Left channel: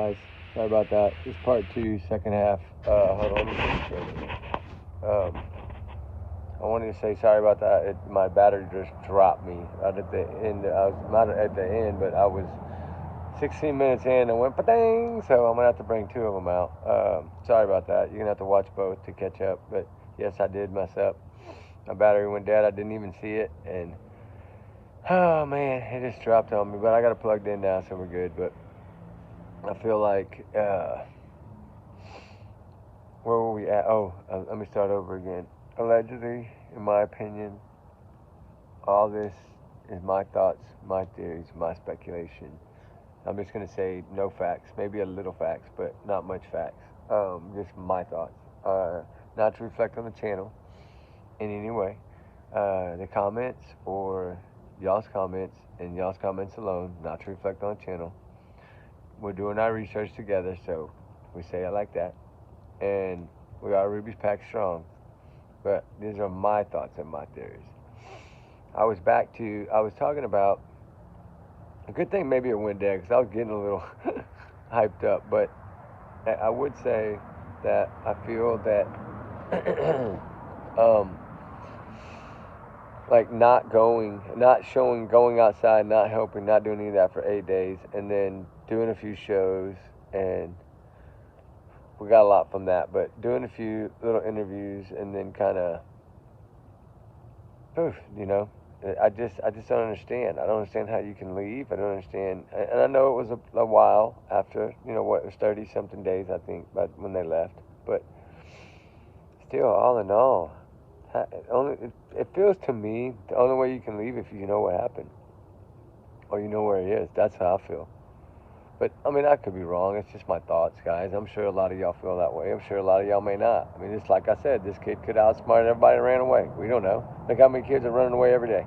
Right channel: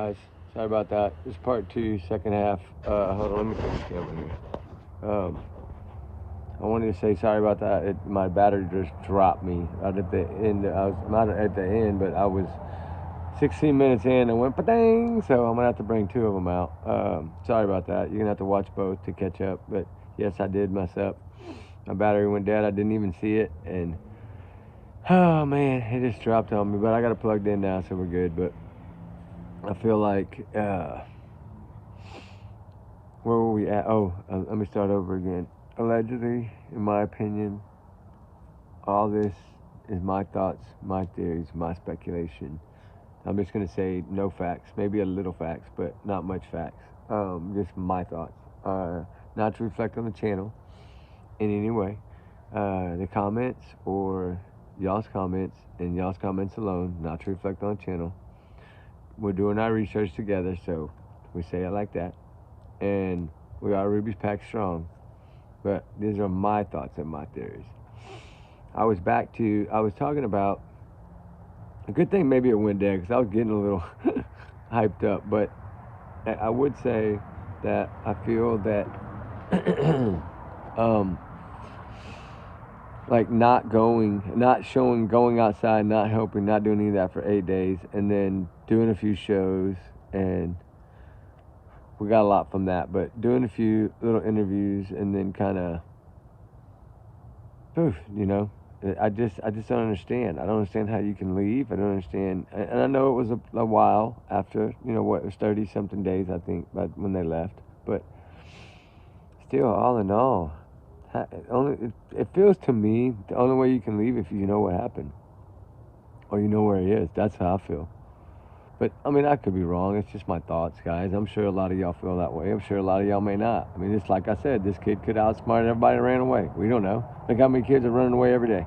guys. Sorry about that. This is part two, second half. Hold on. I wanted to say sorry about that. My battery just dropped me right at the end. I was not at the end, but I was 16 minutes in and went pa-dang. So I'm gonna have to bring two of them out. Sorry about that. You're gonna have to watch both to catch up. But yes, I did mess up. My battery went dead. I didn't even see it, and oh man, it just dropped on me. But I got it plugged in now, so we're good. But I feel like where were we at? Let me start over again. Allegedly, in my opinion, all this is my thoughts, my theories, my speculation. I'm just going to say no facts, maybe a little facts, but not much facts. Just my thoughts. Not to reflect on the channel in any way. The comments or y'all's comments and y'all's comments alone, not to reflect on the channel. We're doing our research together, so we say it like that. And we are Ruby's Pack Strong. But these are my thoughts and my theories. I was talking about, a good thing maybe it went dead because I was getting a little hyped up. But I would say that I feel that like not showing, going outside, not helping, not doing any of that for 8 days, and then doing a few shows, and we got a lot from that, but doing a few little interviews and then kind of, I just don't understand. I don't understand how you can leave. I don't understand, and I know it was a while after, it was 30-something days, I think, when they left, but still, all in all, it feels to me the only way you can leave if you know what happened, or you know where he is. That's how I feel. But, I could be wrong. It's just my thoughts, guys. I'm sure a lot of y'all feel that way. I'm sure a lot of y'all may not. It's like I said, this kid could outsmart everybody that ran away. We don't know. Look how many kids are running away every day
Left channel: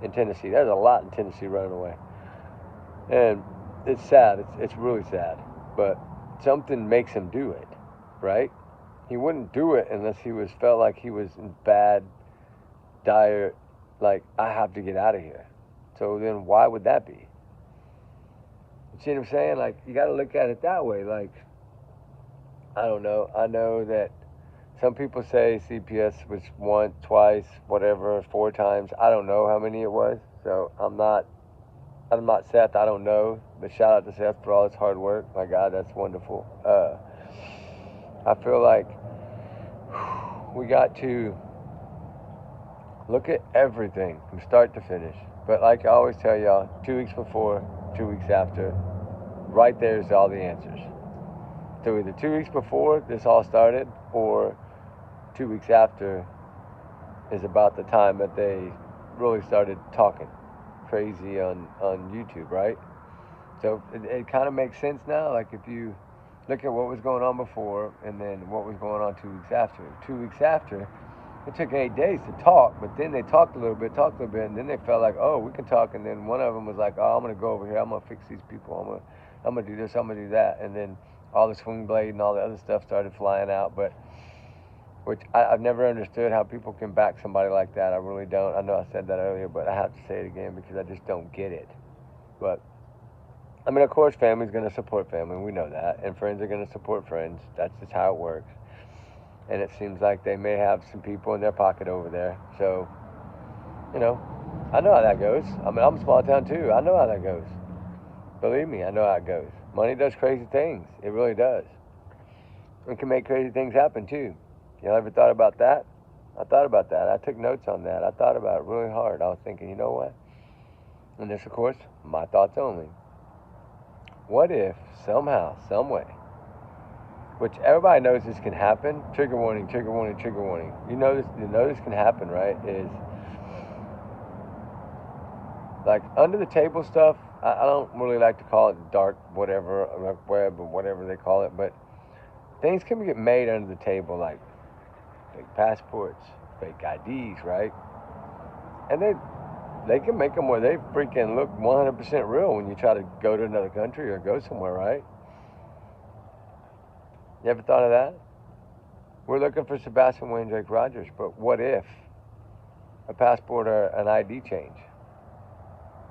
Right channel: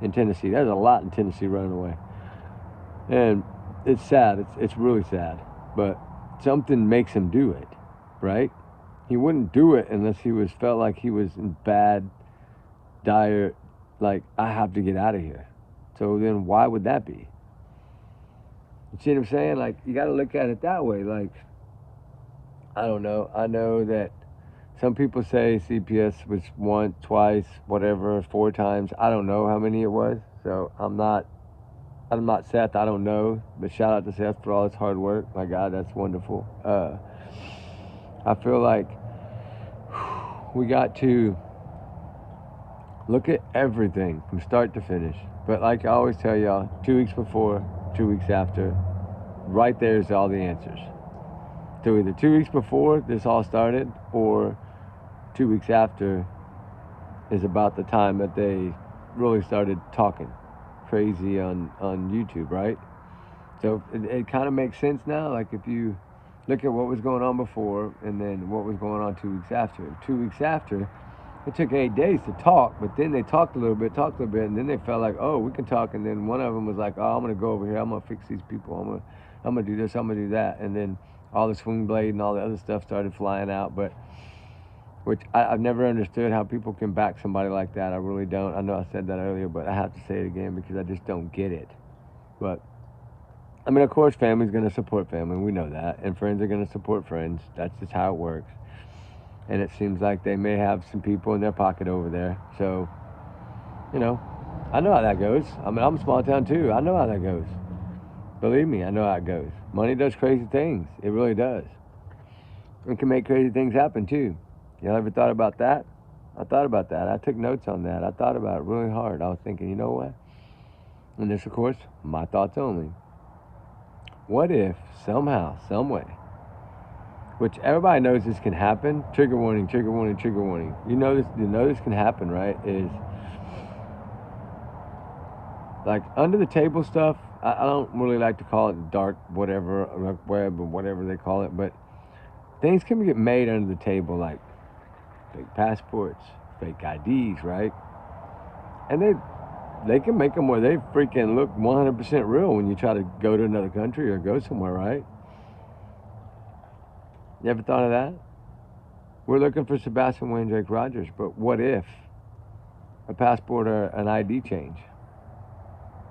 in Tennessee. There's a lot in Tennessee running away. And it's sad. It's really sad. But something makes him do it, right? He wouldn't do it unless he felt like he was in bad, dire, like, I have to get out of here. So then why would that be? You see what I'm saying? Like, you got to look at it that way. Like, I don't know. I know that some people say CPS was once, twice, whatever, 4 times. I don't know how many it was. So I'm not Seth. I don't know. But shout out to Seth for all his hard work. My God, that's wonderful. I feel like we got to look at everything from start to finish. But like I always tell y'all, 2 weeks before, 2 weeks after, right there's all the answers. So either 2 weeks before this all started, or 2 weeks after is about the time that they really started talking crazy on YouTube, right? So it kind of makes sense now. Like, if you look at what was going on before and then what was going on 2 weeks after. 2 weeks after, it took 8 days to talk, but then they talked a little bit, and then they felt like, oh, we can talk, and then one of them was like, oh, I'm going to go over here, I'm going to fix these people, I'm going to do this, I'm going to do that, and then all the swing blade and all the other stuff started flying out, which I've never understood how people can back somebody like that. I really don't. I know I said that earlier, but I have to say it again because I just don't get it. But, of course, family's going to support family, we know that, and friends are going to support friends. That's just how it works. And it seems like they may have some people in their pocket over there. So, I know how that goes. I'm a small town too. I know how that goes. Believe me, I know how it goes. Money does crazy things. It really does. It can make crazy things happen too. Y'all ever thought about that? I thought about that. I took notes on that. I thought about it really hard. I was thinking, you know what? And this, of course, my thoughts only. What if somehow, some way, which everybody knows this can happen. Trigger warning, trigger warning, trigger warning. You know this can happen, right? Is like under the table stuff. I don't really like to call it dark whatever, or web or whatever they call it, but things can get made under the table, like fake passports, fake IDs, right? And they can make them where they freaking look 100% real when you try to go to another country or go somewhere, right? You ever thought of that? We're looking for Sebastian Wayne Drake Rogers, but what if a passport or an ID change?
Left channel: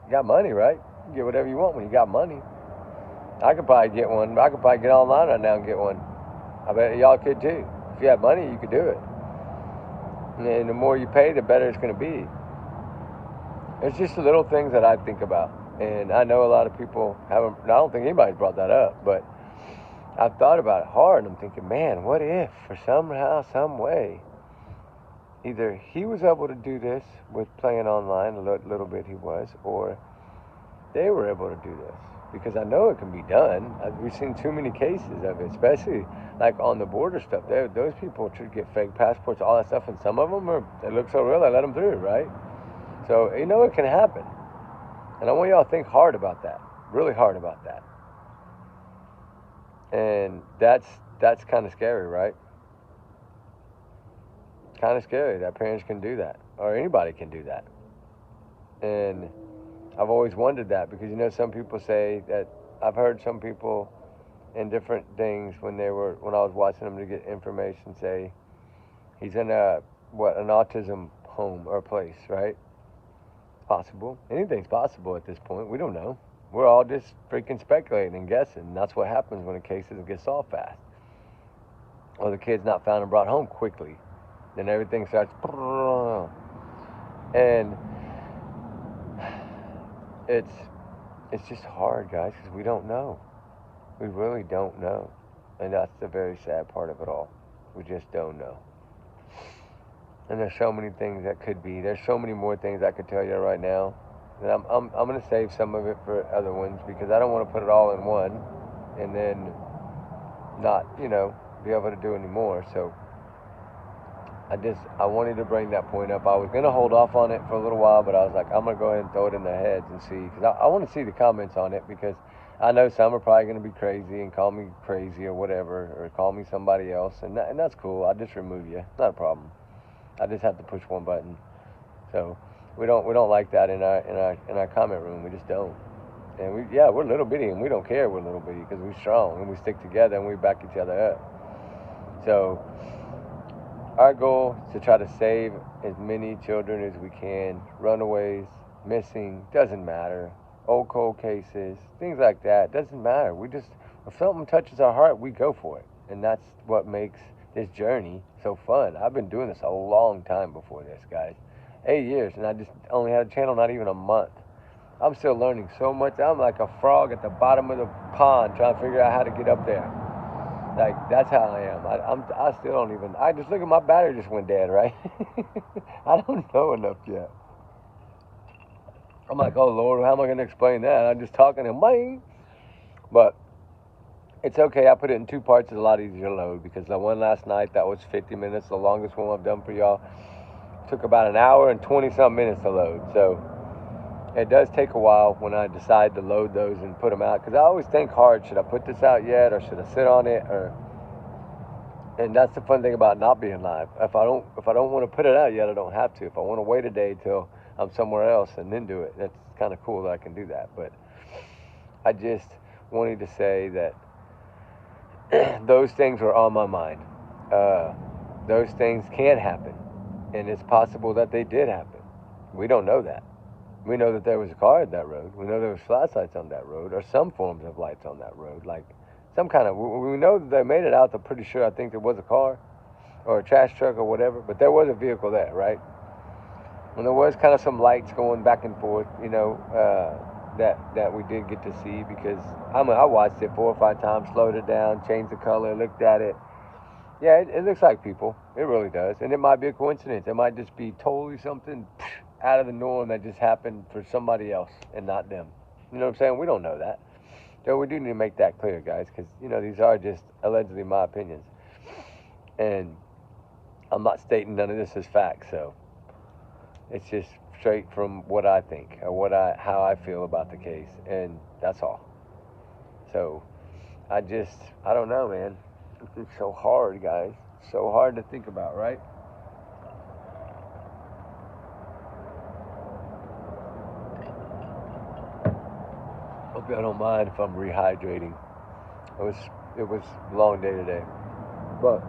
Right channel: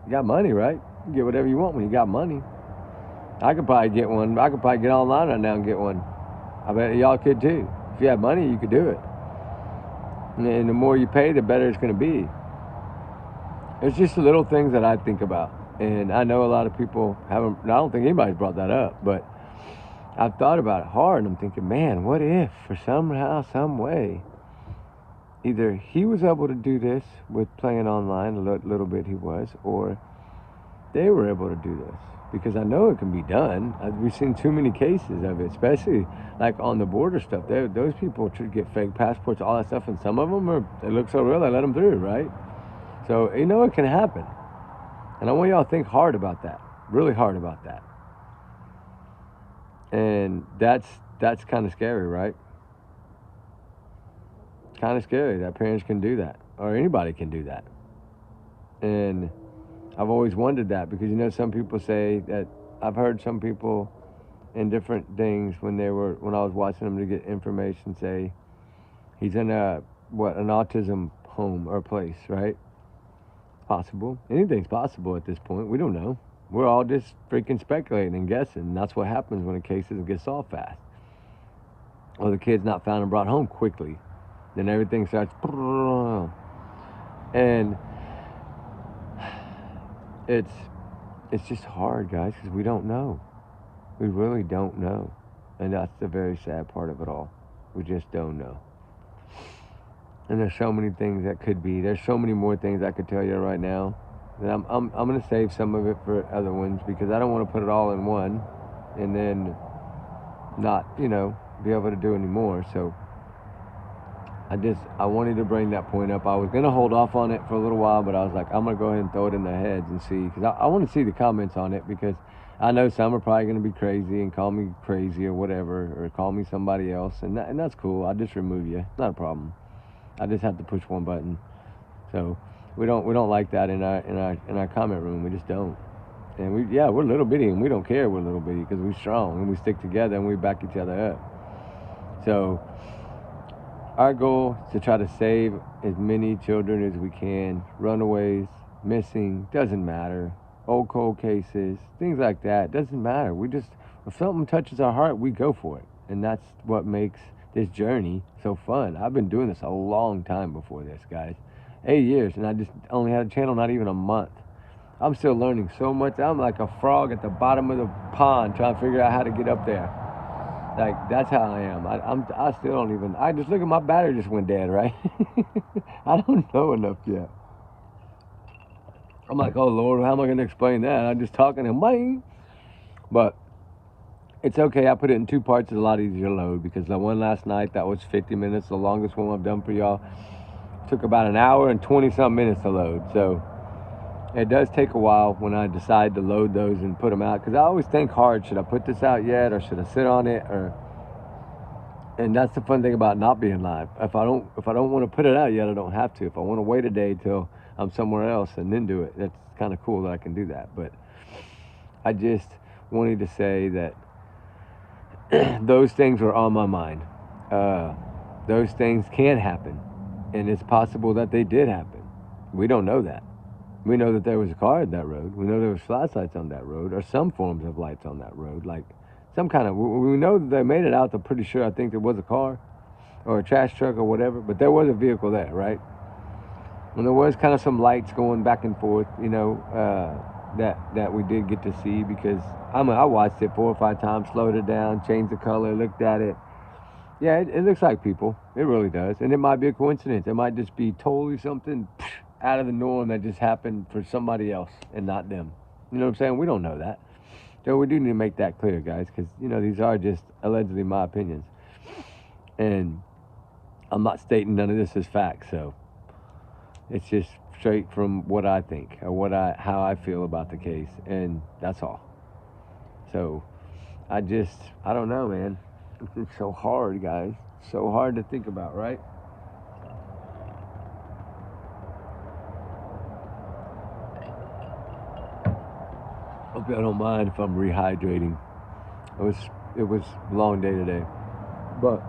You got money, right? You get whatever you want when you got money. I could probably get one. I could probably get online right now and get one. I bet y'all could too. If you have money, you could do it. And the more you pay, the better it's going to be. It's just the little things that I think about. And I know a lot of people haven't, I don't think anybody's brought that up, but I've thought about it hard. And I'm thinking, man, what if for somehow, some way, either he was able to do this with playing online, a little bit he was, or they were able to do this. Because I know it can be done. We've seen too many cases of it, especially like on the border stuff. Those people should get fake passports, all that stuff, and some of them they look so real, they let them through, right? So you know it can happen. And I want y'all to think hard about that, really hard about that. And that's kind of scary, right? Kind of scary that parents can do that, or anybody can do that. And I've always wondered that, because you know some people say that, I've heard some people in different things when I was watching them to get information, say he's in an autism home or place, right? Possible. Anything's possible at this point. We don't know. We're all just freaking speculating and guessing. And that's what happens when a case doesn't get solved fast, or the kid's not found and brought home quickly. Then everything starts, and it's just hard, guys, because we don't know. We really don't know. And that's the very sad part of it all. We just don't know. And there's so many things that could be. There's so many more things I could tell you right now. And I'm going to save some of it for other ones, because I don't want to put it all in one and then not, be able to do any more. So I wanted to bring that point up. I was going to hold off on it for a little while, but I was like, I'm going to go ahead and throw it in their heads and see, because I want to see the comments on it, because I know some are probably going to be crazy and call me crazy or whatever, or call me somebody else, and that's cool. I'll just remove you. Not a problem. I just have to push one button. So we don't like that in our comment room. We just don't. And we're little bitty, and we don't care we're little bitty, because we're strong and we stick together and we back each other up. So our goal is to try to save as many children as we can. Runaways, missing, doesn't matter. Old cold cases, things like that, doesn't matter. If something touches our heart, we go for it. And that's what makes this journey so fun. I've been doing this a long time before this, guys. 8 years, and I just only had a channel not even a month. I'm still learning so much. I'm like a frog at the bottom of the pond trying to figure out how to get up there. Like, that's how I am. I still don't even, I just look at my battery just went dead, right? I don't know enough yet. I'm like, oh Lord, how am I going to explain that? I'm just talking and bang. But it's okay. I put it in 2 parts. It's a lot easier to load, because the one last night, that was 50 minutes. The longest one I've done for y'all. Took about an hour and 20-something minutes to load. So it does take a while when I decide to load those and put them out, because I always think hard, should I put this out yet, or should I sit on it? And that's the fun thing about not being live. If I don't want to put it out yet, I don't have to. If I want to wait a day till I'm somewhere else and then do it, that's kind of cool that I can do that. But I just wanted to say that those things were on my mind. Those things can happen, and it's possible that they did happen. We don't know that. We know that there was a car on that road. We know there was flashlights on that road, or some forms of lights on that road, like some kind of, we know that they made it out. I'm pretty sure, I think there was a car or a trash truck or whatever, but there was a vehicle there, right? And there was kind of some lights going back and forth, that we did get to see, because I watched it 4 or 5 times, slowed it down, changed the color, looked at it. Yeah, it looks like people. It really does. And it might be a coincidence. It might just be totally something out of the norm that just happened for somebody else and not them. You know what I'm saying? We don't know that. So we do need to make that clear, guys, because, these are just allegedly my opinions. And I'm not stating none of this as fact, so it's just straight from what I think, or how I feel about the case, and that's all. So I don't know, man. It's so hard, guys. So hard to think about, right? Hope y'all don't mind if I'm rehydrating. It was a long day today, but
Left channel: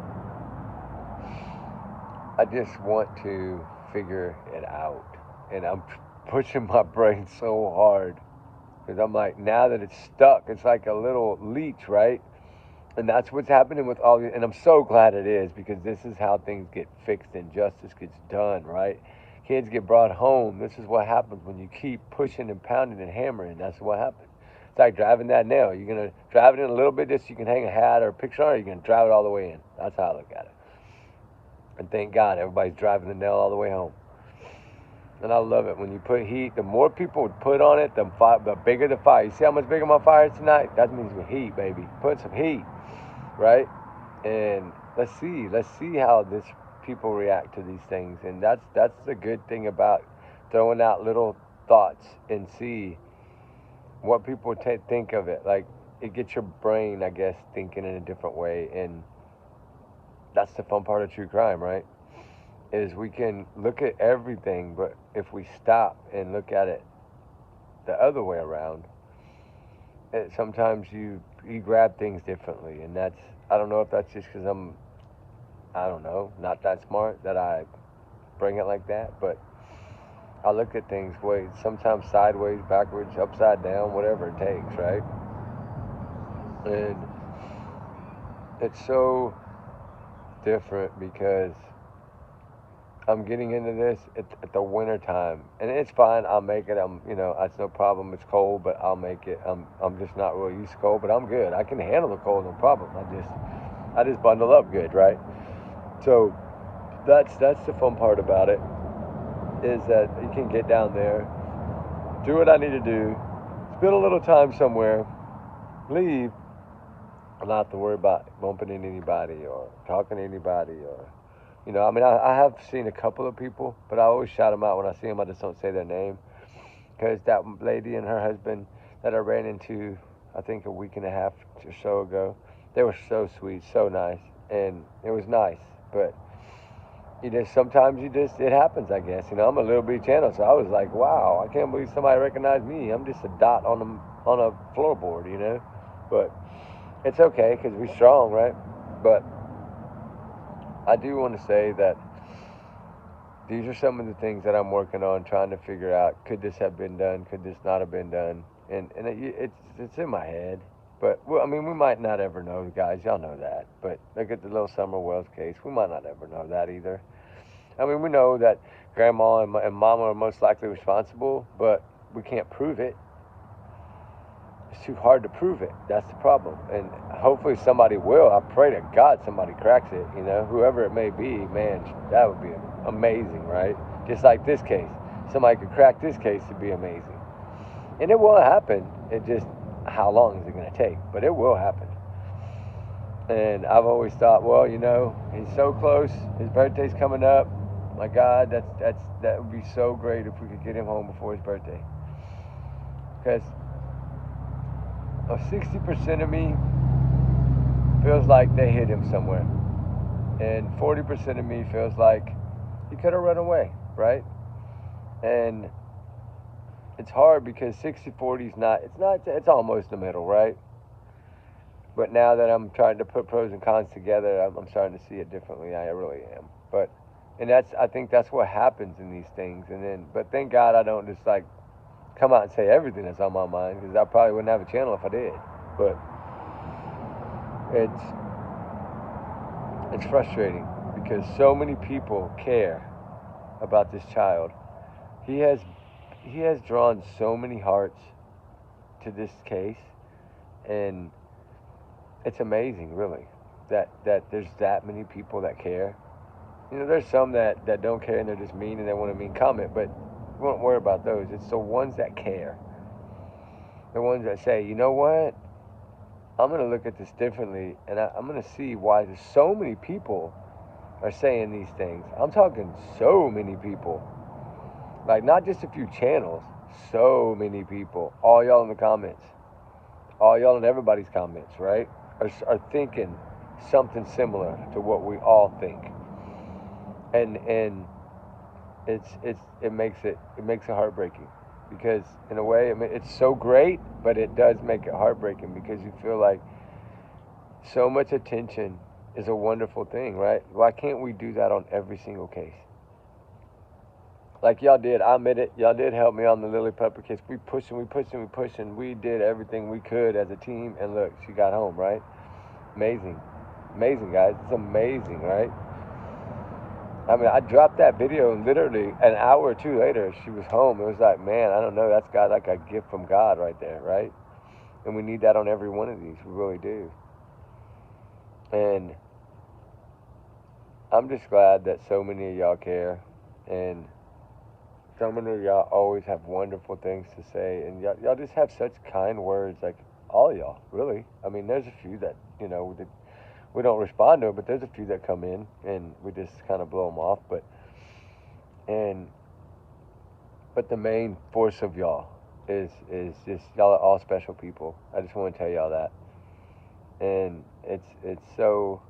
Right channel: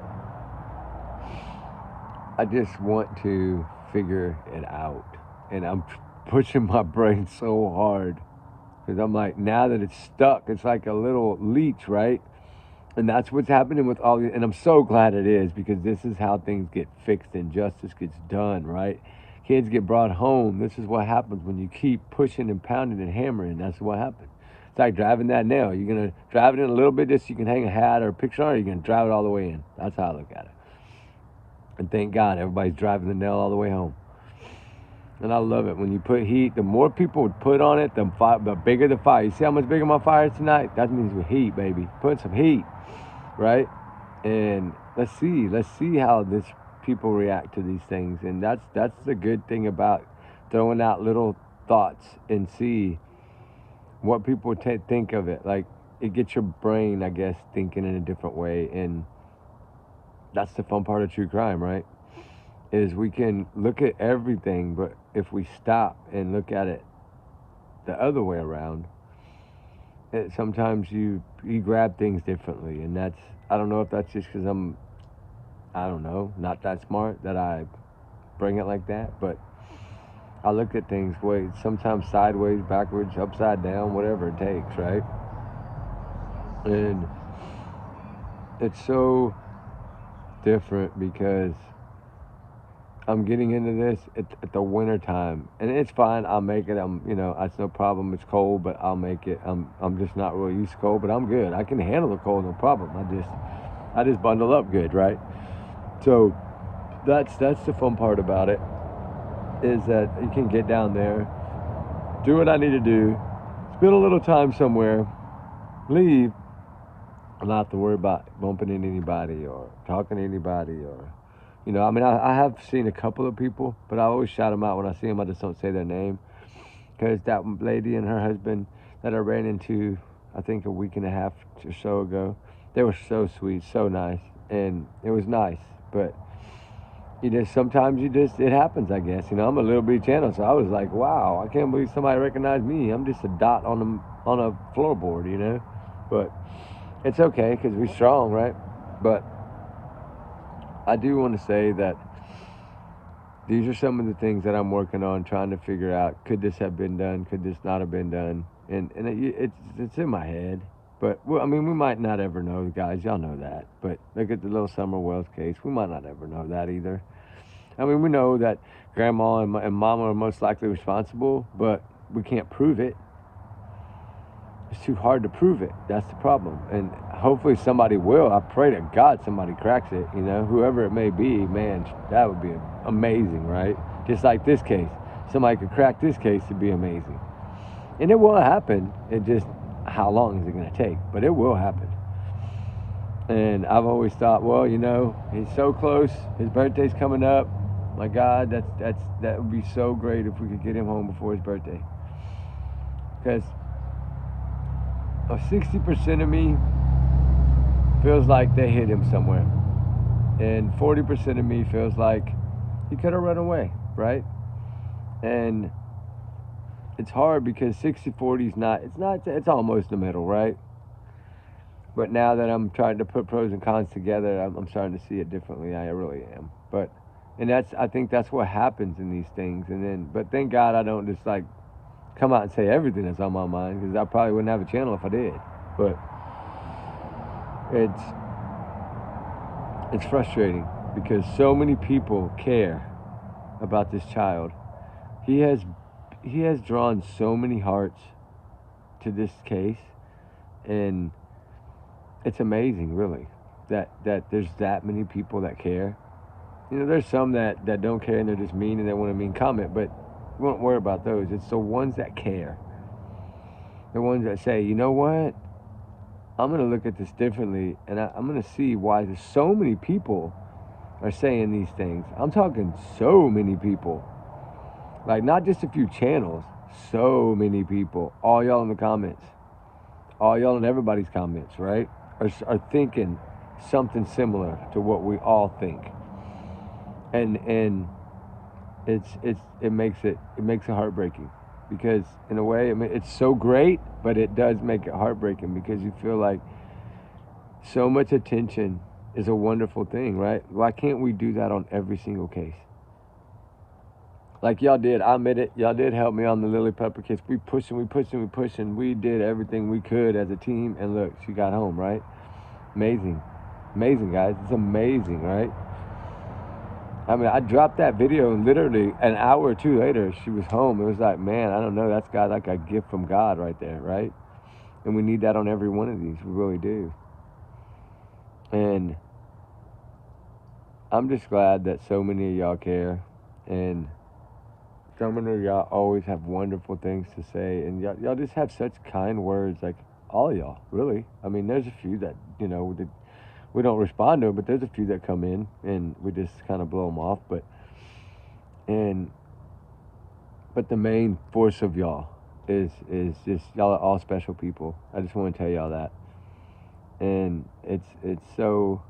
I just want to figure it out, and I'm pushing my brain so hard Because I'm like, now that it's stuck, it's like a little leech, right? And that's what's happening with all, and I'm so glad it is, because this is how things get fixed and justice gets done, right? Kids get brought home. This is what happens when you keep pushing and pounding and hammering. That's what happens. It's like driving that nail. You're going to drive it in a little bit just so you can hang a hat or a picture on it, or you're going to drive it all the way in. That's how I look at it. And thank God everybody's driving the nail all the way home. And I love it. When you put heat, the more people would put on it, the bigger the fire. You see how much bigger my fire is tonight? That means with heat, baby. Put some heat, right? And let's see how this people react to these things. And that's the good thing about throwing out little thoughts and see what people think of it. Like, it gets your brain, I guess, thinking in a different way. And that's the fun part of true crime, right? Is we can look at everything, but if we stop and look at it the other way around, sometimes you grab things differently. And that's, I don't know if that's just because I don't know, not that smart that I bring it like that, but I look at things sometimes sideways, backwards, upside down, whatever it takes, right? And it's so different because I'm getting into this at the winter time, and it's fine. I'll make it. That's no problem. It's cold, but I'll make it. I'm just not really used to cold, but I'm good. I can handle the cold, no problem. I just bundle up good, right? So that's the fun part about it, is that you can get down there, do what I need to do, spend a little time somewhere, leave, and not have to worry about bumping into anybody or talking to anybody or. I have seen a couple of people, but I always shout them out when I see them. I just don't say their name. Because that lady and her husband that I ran into, I think a week and a half or so ago, they were so sweet, so nice. And it was nice. But sometimes it happens, I guess. I'm a little bitty channel, so I was like, wow, I can't believe somebody recognized me. I'm just a dot on a floorboard, But it's okay, because we're strong, right? But I do want to say that these are some of the things that I'm working on, trying to figure out, could this have been done? Could this not have been done? And it's in my head. But, we might not ever know, guys. Y'all know that. But look at the little Summer Wells case. We might not ever know that either. We know that Grandma and Mama are most likely responsible, but we can't prove it. It's too hard to prove it. That's the problem. And hopefully somebody will. I pray to God somebody cracks it, whoever it may be, man, that would be amazing, right? Just like this case. Somebody could crack this case, it'd be amazing. And it will happen. It just, how long is it going to take? But it will happen. And I've always thought, well, he's so close. His birthday's coming up. My God, that would be so great if we could get him home before his birthday. Because 60% of me feels like they hit him somewhere. And 40% of me feels like he could have run away, right? And it's hard because 60-40 is it's almost the middle, right? But now that I'm trying to put pros and cons together, I'm starting to see it differently. I really am. I think that's what happens in these things. But thank God I don't just come out and say everything that's on my mind, because I probably wouldn't have a channel if I did. But it's frustrating because so many people care about this child. He has drawn so many hearts to this case, and it's amazing, really, that there's that many people that care. There's some that don't care and they're just mean and they want a mean comment, but we won't worry about those. It's the ones that care. The ones that say, you know what? I'm going to look at this differently, and I'm going to see why there's so many people are saying these things. I'm talking so many people. Like, not just a few channels. So many people. All y'all in the comments. All y'all in everybody's comments, right? Are thinking something similar to what we all think. And it makes it heartbreaking, because in a way it's so great, but it does make it heartbreaking, because you feel like so much attention is a wonderful thing, right? Why can't we do that on every single case? Like y'all did, I admit it. Y'all did help me on the Lily Pepper kiss. We pushing. We did everything we could as a team, and look, she got home, right? Amazing, amazing, guys. It's amazing, right? I mean, I dropped that video, and literally an hour or two later, she was home. It was like, man, I don't know. That's got like a gift from God right there, right? And we need that on every one of these. We really do. And I'm just glad that so many of y'all care, and so many of y'all always have wonderful things to say, and y'all just have such kind words, like all of y'all, really. I mean, there's a few that, you know, that we don't respond to them, but there's a few that come in, and we just kind of blow them off, but the main force of y'all is just, y'all are all special people. I just want to tell y'all that. And it's so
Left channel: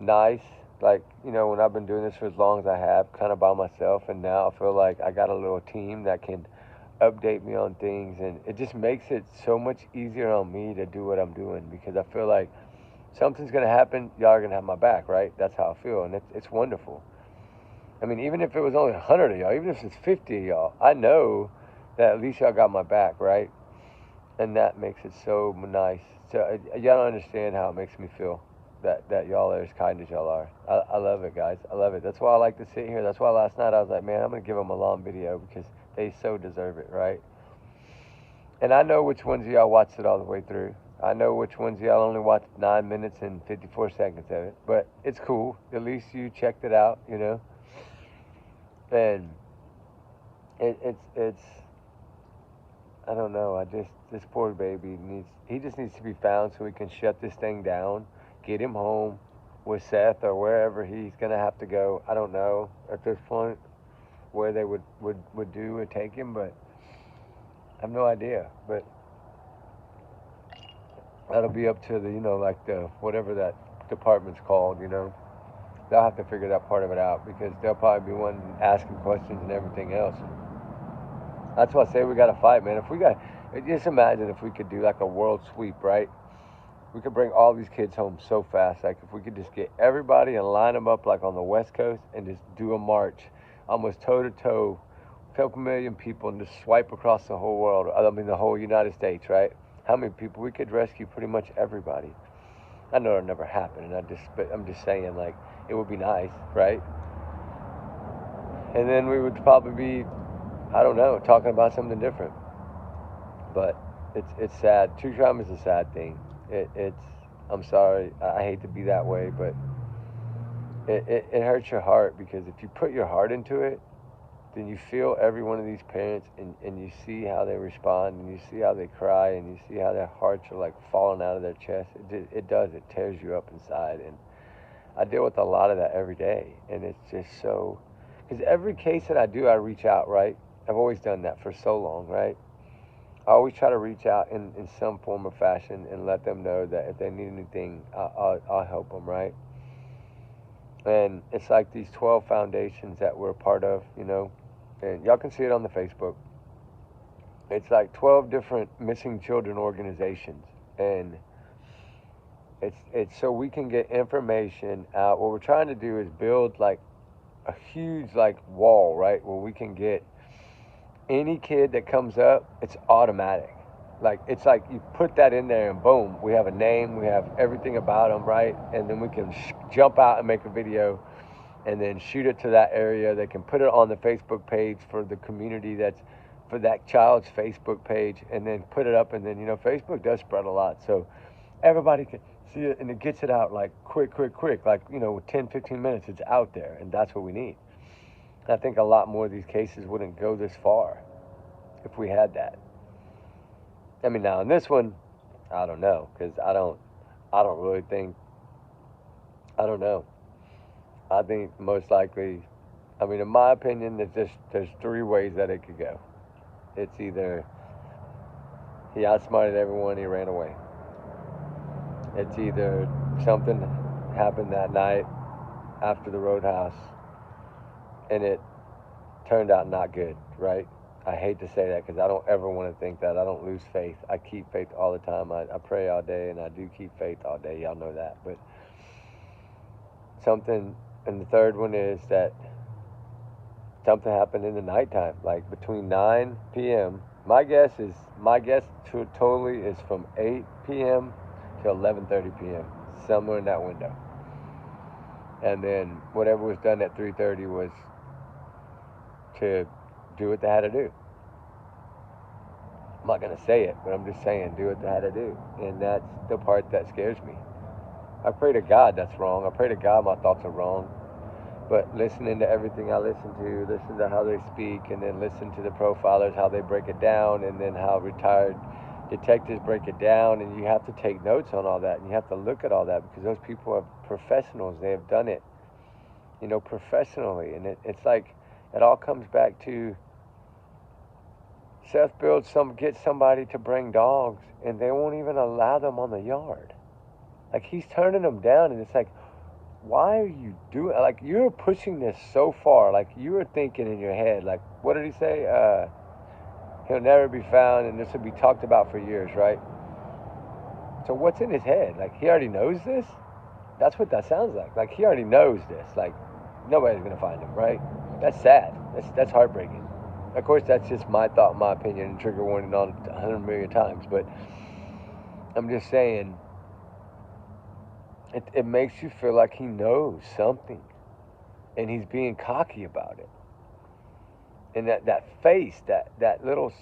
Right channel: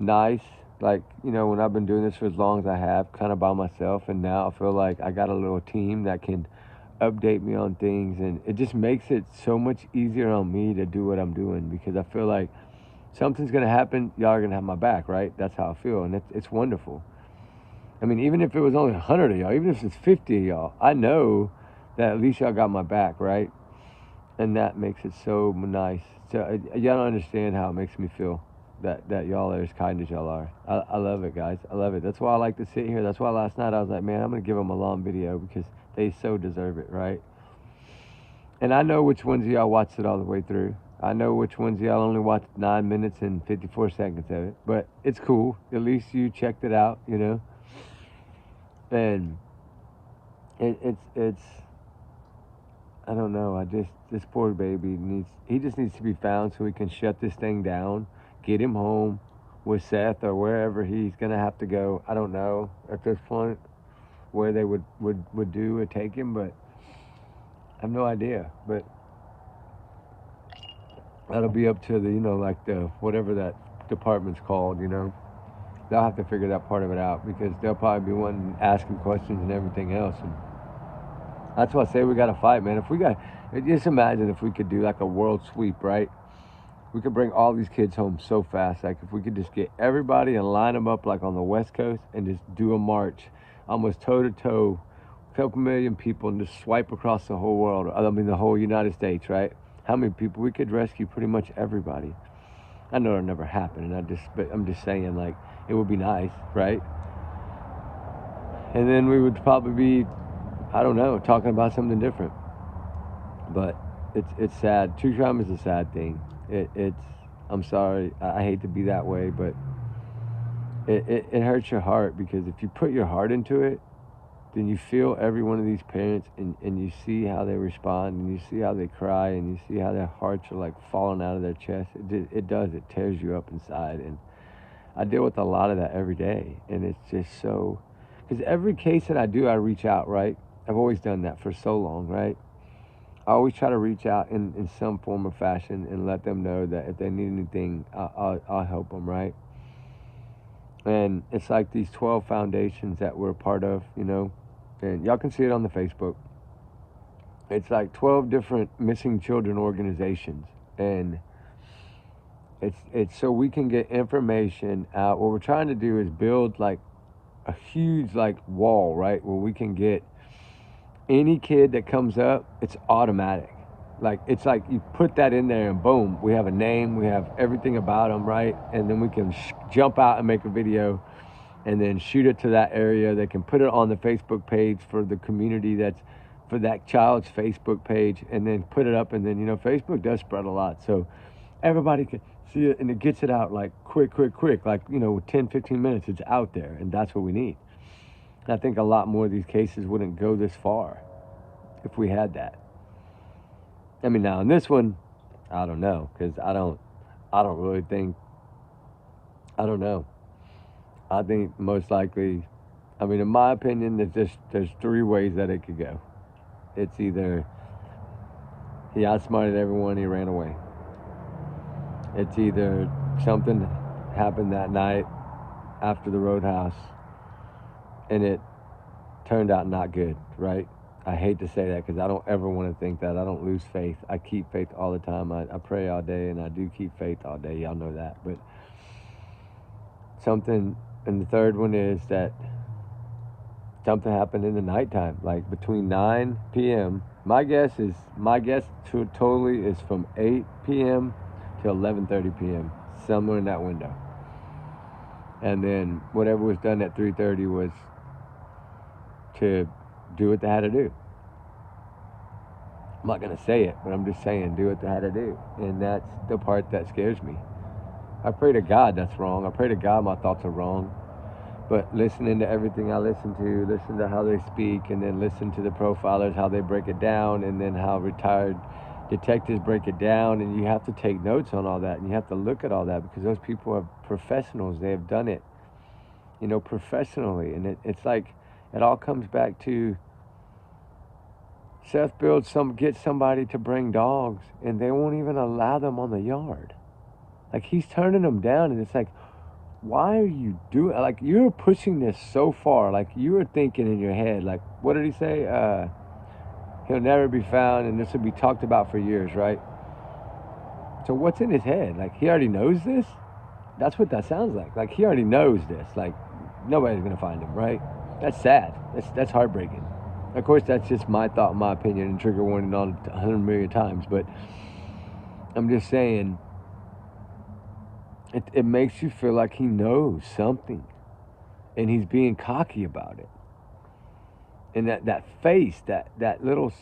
nice, like, you know, when I've been doing this for as long as I have, kind of by myself, and now I feel like I got a little team that can update me on things, and it just makes it so much easier on me to do what I'm doing, because I feel like something's gonna happen, y'all are gonna have my back, right? That's how I feel, and it's wonderful. I mean, even if it was only 100 of y'all, even if it's 50 of y'all, I know that at least y'all got my back, right? And that makes it so nice. So y'all don't understand how it makes me feel that y'all are as kind as y'all are. I love it, guys. I love it. That's why I like to sit here. That's why last night I was like, man, I'm gonna give them a long video because they so deserve it, right? And I know which ones of y'all watched it all the way through. I know which ones of y'all only watched 9 minutes and 54 seconds of it, but it's cool. At least you checked it out, you know. And it's I don't know. This poor baby he just needs to be found so we can shut this thing down, get him home with Seth or wherever he's gonna have to go. I don't know at this point where they would do or take him, but I have no idea. But that'll be up to the, you know, like the whatever that department's called, you know. They'll have to figure that part of it out, because they'll probably be wanting asking questions and everything else. And that's why I say we got to fight, man. If we got, just imagine if we could do like a world sweep, right? We could bring all these kids home so fast. Like if we could just get everybody and line them up like on the West Coast and just do a march, almost toe to toe, a couple million people, and just swipe across the whole world. I mean the whole United States, right? How many people? We could rescue pretty much everybody. I know it'll never happen, and but I'm just saying, like, it would be nice, right? And then we would probably be, I don't know, talking about something different. But it's sad. True crime is a sad thing. I'm sorry, I hate to be that way, but it hurts your heart, because if you put your heart into it, then you feel every one of these parents, and you see how they respond, and you see how they cry, and you see how their hearts are like falling out of their chest. It does. It tears you up inside. And I deal with a lot of that every day, and it's just so, because every case that I do, I reach out, right? I've always done that for so long, right? I always try to reach out in some form or fashion and let them know that if they need anything, I'll help them, right? And it's like these 12 foundations that we're a part of, you know, and y'all can see it on the Facebook. It's like 12 different missing children organizations, and it's so we can get information out. What we're trying to do is build like a huge like wall, right, where we can get any kid that comes up, it's automatic. Like, it's like you put that in there and boom, we have a name, we have everything about them, right? And then we can jump out and make a video and then shoot it to that area. They can put it on the Facebook page for the community, that's for that child's Facebook page, and then put it up. And then, you know, Facebook does spread a lot, so everybody can see it, and it gets it out like quick, like, you know, 10, 15 minutes, it's out there, and that's what we need. I think a lot more of these cases wouldn't go this far if we had that. I mean, now in this one, I don't know, because I don't really think, I don't know. I think most likely, I mean, in my opinion, there's three ways that it could go. It's either he outsmarted everyone, he ran away. It's either something happened that night after the roadhouse, and it turned out not good, right? I hate to say that, because I don't ever want to think that. I don't lose faith. I keep faith all the time. I pray all day, and I do keep faith all day. Y'all know that. But something, and the third one is that something happened in the nighttime, like between 9 p.m. My guess totally is from 8 p.m. to 11:30 p.m. somewhere in that window. And then whatever was done at 3:30 was to do what they had to do. I'm not gonna say it, but I'm just saying, do what they had to do, and that's the part that scares me. I pray to God that's wrong. I pray to God my thoughts are wrong. But listening to everything I listen to, listen to how they speak, and then listen to the profilers, how they break it down, and then how retired detectives break it down, and you have to take notes on all that, and you have to look at all that, because those people are professionals. They have done it, professionally, and it's like it all comes back to Seth gets somebody to bring dogs, and they won't even allow them on the yard. Like, he's turning them down, and it's like, why are you doing, like, you're pushing this so far. Like, you were thinking in your head, like, what did he say? He'll never be found, and this will be talked about for years, right? So what's in his head? Like, he already knows this? That's what that sounds like. Like, he already knows this. Like, nobody's gonna find him, right? That's sad. That's heartbreaking. Of course, that's just my thought, my opinion, and trigger warning on 100 million times, but I'm just saying, it makes you feel like he knows something, and he's being cocky about it. And that face, that little,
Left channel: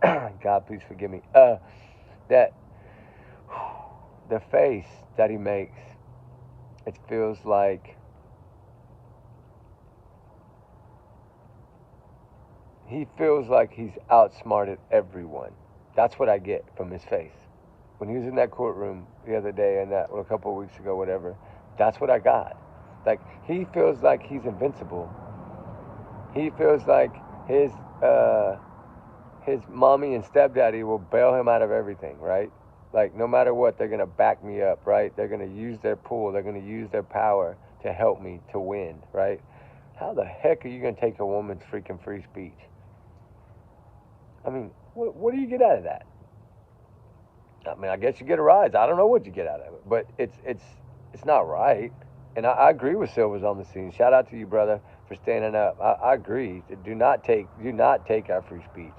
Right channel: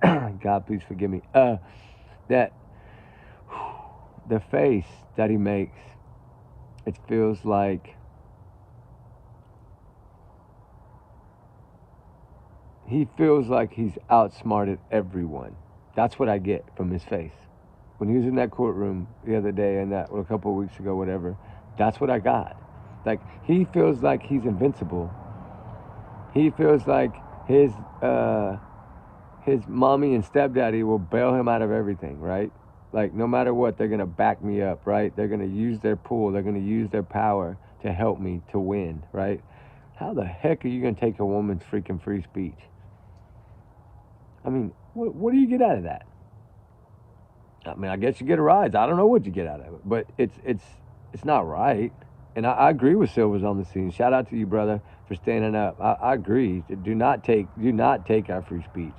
God, please forgive me, the face that he makes, it feels like he feels like he's outsmarted everyone. That's what I get from his face. When he was in that courtroom the other day, or a couple of weeks ago, whatever, that's what I got. Like, he feels like he's invincible. He feels like his mommy and stepdaddy will bail him out of everything, right? Like, no matter what, they're gonna back me up, right? They're gonna use their pull, they're gonna use their power to help me to win, right? How the heck are you gonna take a woman's freaking free speech? I mean, what do you get out of that? I mean, I guess you get a rise. I don't know what you get out of it, but it's not right. And I agree with Silver's on the scene. Shout out to you, brother, for standing up. I agree. Do not take our free speech.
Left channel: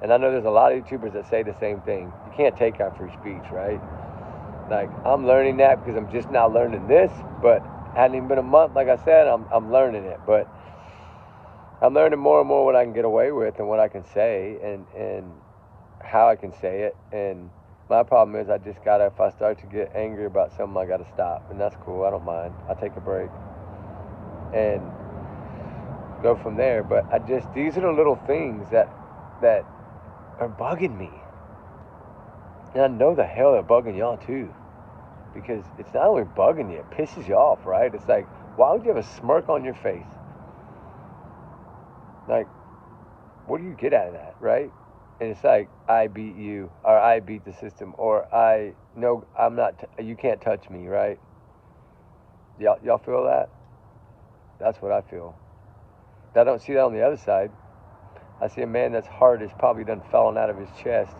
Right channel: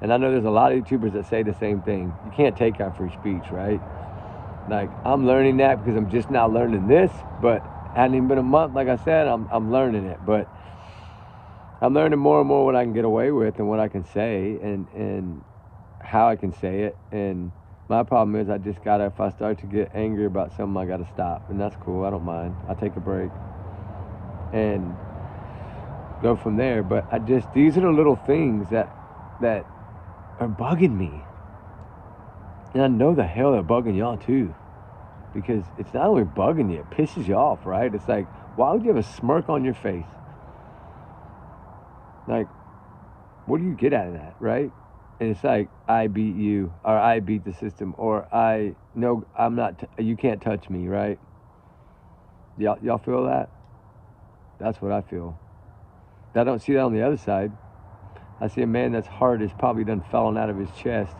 And I know there's a lot of YouTubers that say the same thing. You can't take our free speech, right? Like, I'm learning that because I'm just now learning this, but hadn't even been a month. Like I said, I'm learning it, but I'm learning more and more what I can get away with and what I can say and how I can say it. And my problem is if I start to get angry about something, I gotta stop. And that's cool, I don't mind. I'll take a break and go from there. But these are the little things that are bugging me. And I know the hell they're bugging y'all too. Because it's not only bugging you, it pisses you off, right? It's like, why would you have a smirk on your face? Like, what do you get out of that, right? And it's like, I beat you, or I beat the system, or I'm not, you can't touch me, right? Y'all feel that? That's what I feel. I don't see that on the other side. I see a man that's heart is probably done fallen out of his chest,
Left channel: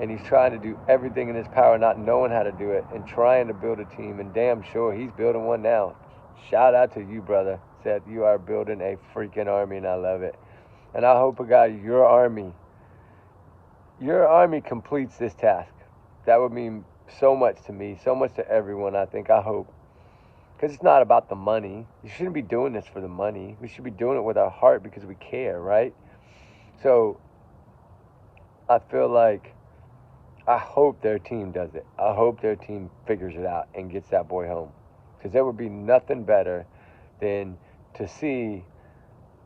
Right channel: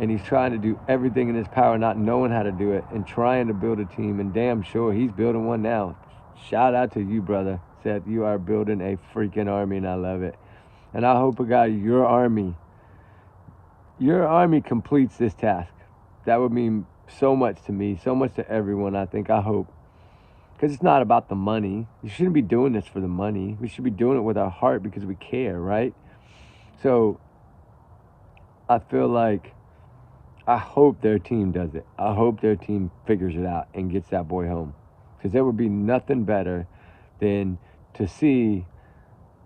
and he's trying to do everything in his power, not knowing how to do it, and trying to build a team, and damn sure he's building one now. Shout out to you, brother. Seth, you are building a freaking army, and I love it. And I hope, God, your army completes this task. That would mean so much to me, so much to everyone, I hope. Because it's not about the money. You shouldn't be doing this for the money. We should be doing it with our heart because we care, right? So I feel like, I hope their team does it. I hope their team figures it out and gets that boy home. Because there would be nothing better than to see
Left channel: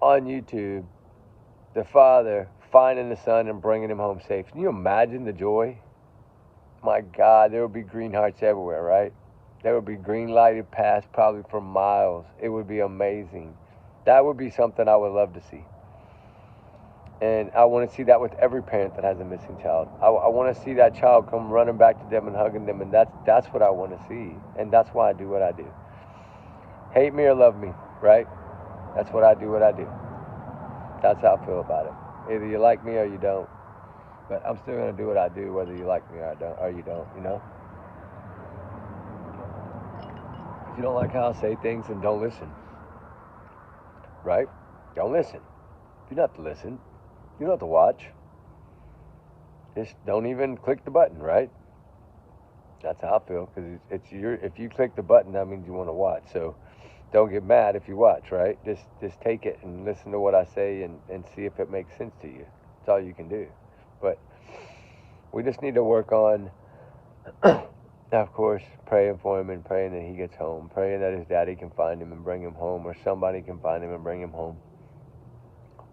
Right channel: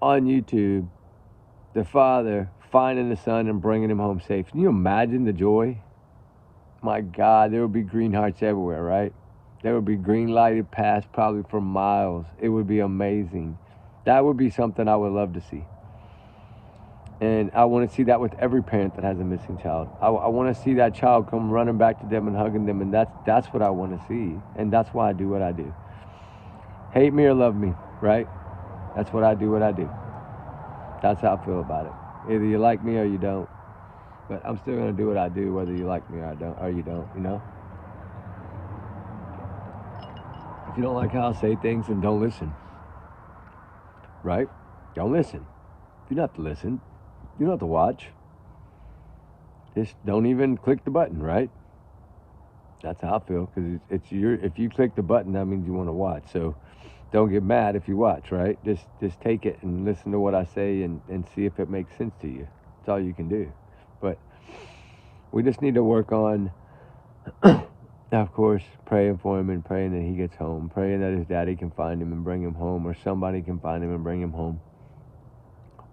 on YouTube the father finding the son and bringing him home safe. Can you imagine the joy? My God, there would be green hearts everywhere, right? There would be green lighted paths probably for miles. It would be amazing. That would be something I would love to see. And I want to see that with every parent that has a missing child. I want to see that child come running back to them and hugging them, and that's what I want to see. And that's why I do what I do. Hate me or love me, right? That's what I do what I do. That's how I feel about it. Either you like me or you don't. But I'm still going to do what I do whether you like me or you don't, you know? If you don't like how I say things, then don't listen. right? Don't listen. You don't have to listen. You don't have to watch. Just don't even click the button, right? That's how I feel, because it's your. If you click the button, that means you want to watch. So don't get mad if you watch, right? Just take it and listen to what I say and see if it makes sense to you. That's all you can do. But we just need to work on, of course, praying for him and praying that he gets home, praying that his daddy can find him and bring him home, or somebody can find him and bring him home,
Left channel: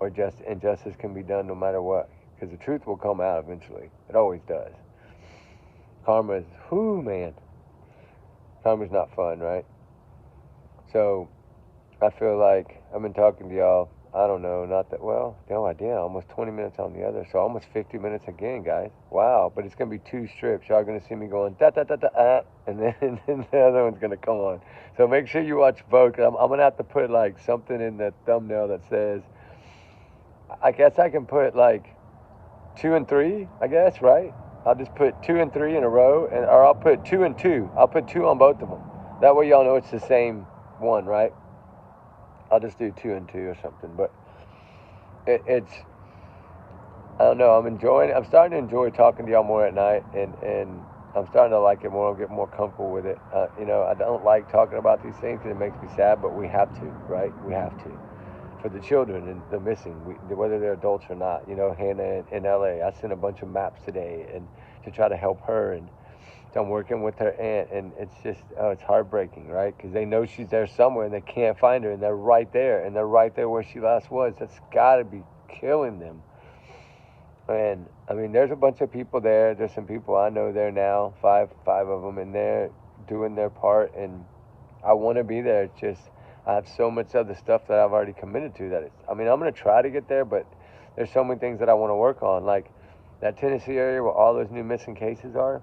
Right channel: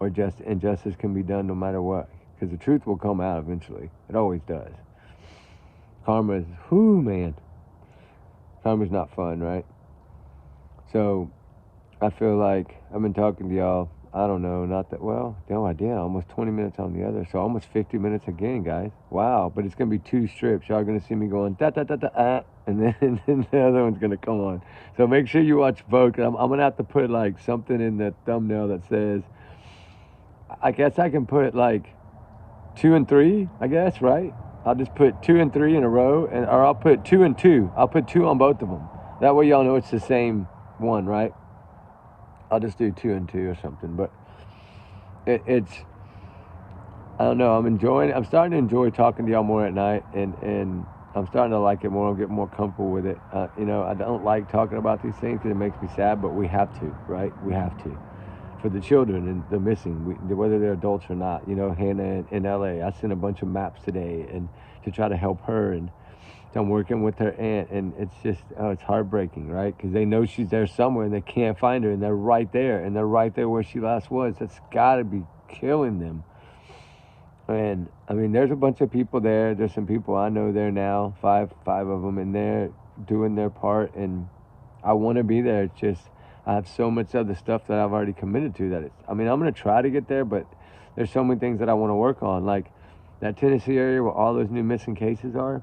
or justice can be done no matter what, because the truth will come out eventually. It always does. Karma is, whoo, man. Karma's not fun, right? So I feel like I've been talking to y'all, I don't know, not that, well, no, I did, almost 20 minutes on the other, so almost 50 minutes again, guys. Wow, but it's going to be 2 strips. Y'all are going to see me going, da-da-da-da-ah, and then the other one's going to come on. So make sure you watch both. I'm going to have to put, like, something in the thumbnail that says, I guess I can put, like, 2 and 3, I guess, right? I'll just put 2 and 3 in a row, or I'll put 2 and 2. I'll put 2 on both of them. That way y'all know it's the same one, right? I'll just do 2 and 2 or something. But it's, I don't know, I'm starting to enjoy talking to y'all more at night, and I'm starting to like it more. I'm getting more comfortable with it. You know, I don't like talking about these things because it makes me sad, but we have to, right? We have to. For the children and the missing, whether they're adults or not. You know, Hannah in LA, I sent a bunch of maps today and to try to help her, and so I'm working with her aunt, and it's just, it's heartbreaking, right? Because they know she's there somewhere and they can't find her, and they're right there, where she last was. That's got to be killing them. And I mean, there's a bunch of people there. There's some people I know there now, five of them, and they're doing their part, and I want to be there. It's just, I have so much other stuff that I've already committed to that I'm going to try to get there, but there's so many things that I want to work on, like that Tennessee area where all those new missing cases are,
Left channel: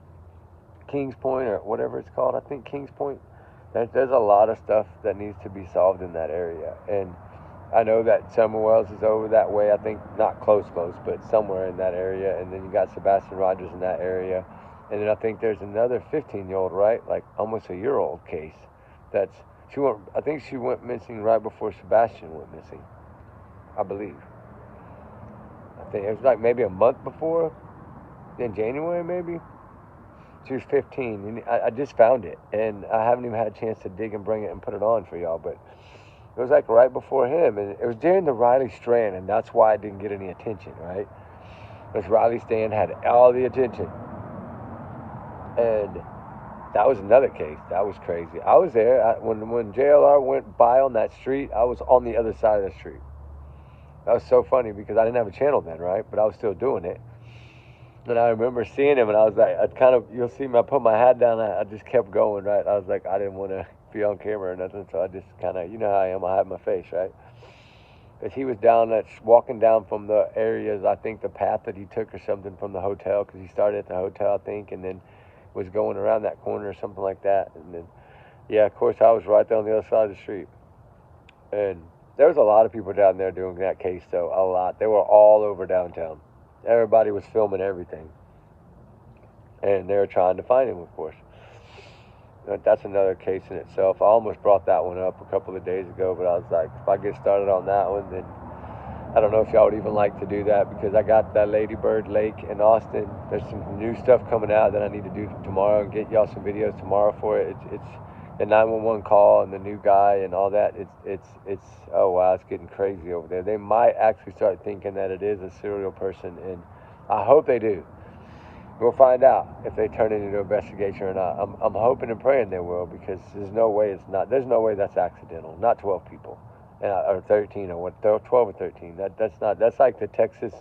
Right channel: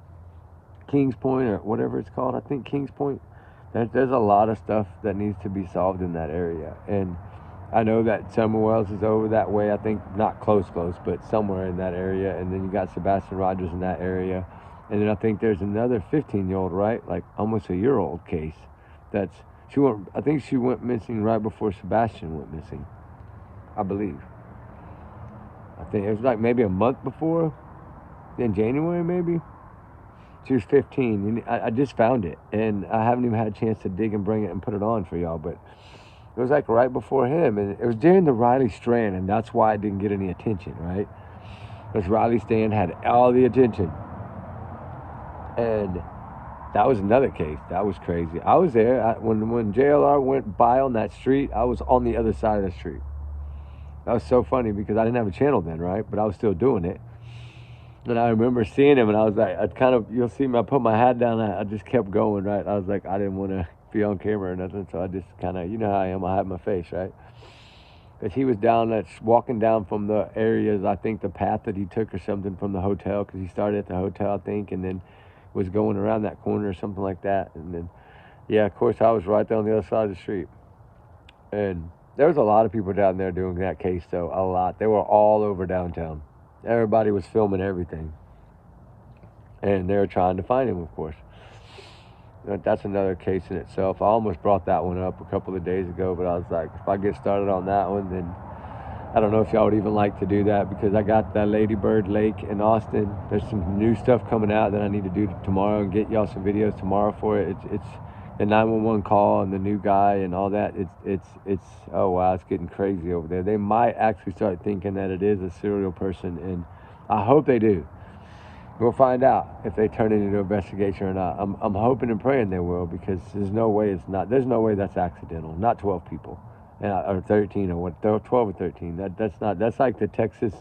Kings Point or whatever it's called. I think Kings Point. There's a lot of stuff that needs to be solved in that area, and I know that Summer Wells is over that way. I think not close, but somewhere in that area. And then you got Sebastian Rogers in that area, and then I think there's another 15-year-old, right, like almost a year-old case. I think she went missing right before Sebastian went missing, I believe. I think it was like maybe a month before, in January maybe. She was 15. I just found it, and I haven't even had a chance to dig and bring it and put it on for y'all, but it was like right before him, and it was during the Riley Strand, and that's why I didn't get any attention, right? Because Riley Strand had all the attention, and that was another case. That was crazy. I was there. When JLR went by on that street, I was on the other side of the street. That was so funny because I didn't have a channel then, right? But I was still doing it. And I remember seeing him, and I was like, you'll see me, I put my hat down, I just kept going, right? I was like, I didn't want to be on camera or nothing, so I just kind of, you know how I am, I hide my face, right? Because he was walking down from the areas, I think the path that he took or something from the hotel, because he started at the hotel, I think, and then was going around that corner or something like that. And then, yeah, of course, I was right there on the other side of the street. And there was a lot of people down there doing that case, though, a lot. They were all over downtown. Everybody was filming everything. And they were trying to find him, of course. That's another case in itself. I almost brought that one up a couple of days ago, but I was like, if I get started on that one, then I don't know if y'all would even like to do that, because I got that Lady Bird Lake in Austin. There's some new stuff coming out that I need to do tomorrow and get y'all some videos tomorrow for it. It's the 911 call and the new guy and all that. It's oh wow, it's getting crazy over there. They might actually start thinking that it is a serial person, and I hope they do. We'll find out if they turn it into an investigation or not. I'm hoping and praying they will, because there's no way it's not. There's no way that's accidental. Not 12 people, or 13 or what? 12 or 13. That's not. That's like the Texas